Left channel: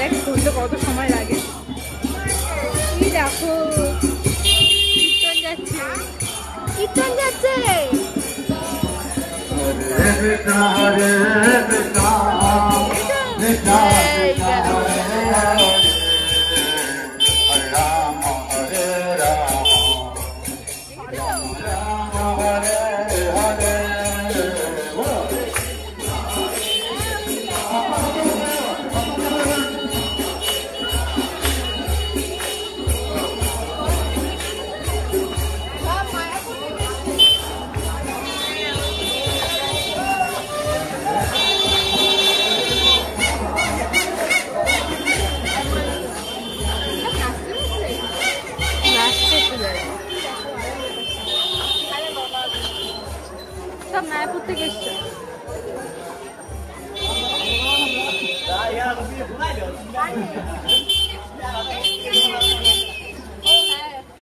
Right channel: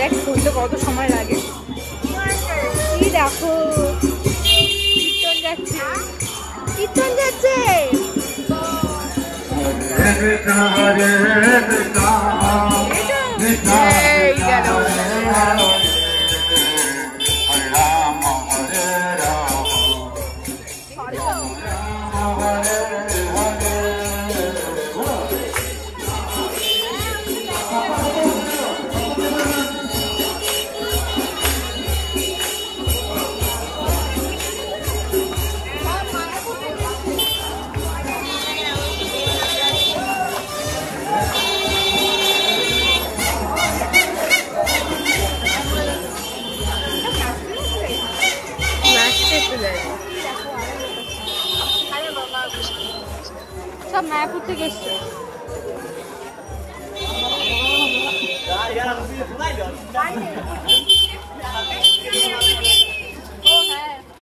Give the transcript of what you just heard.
দেখ করতে কত সময় লাগে। কি দেখো কীর্তন যাচ্ছে, কীর্তন যাচ্ছে। সব মায়াপুর থেকে এসছে।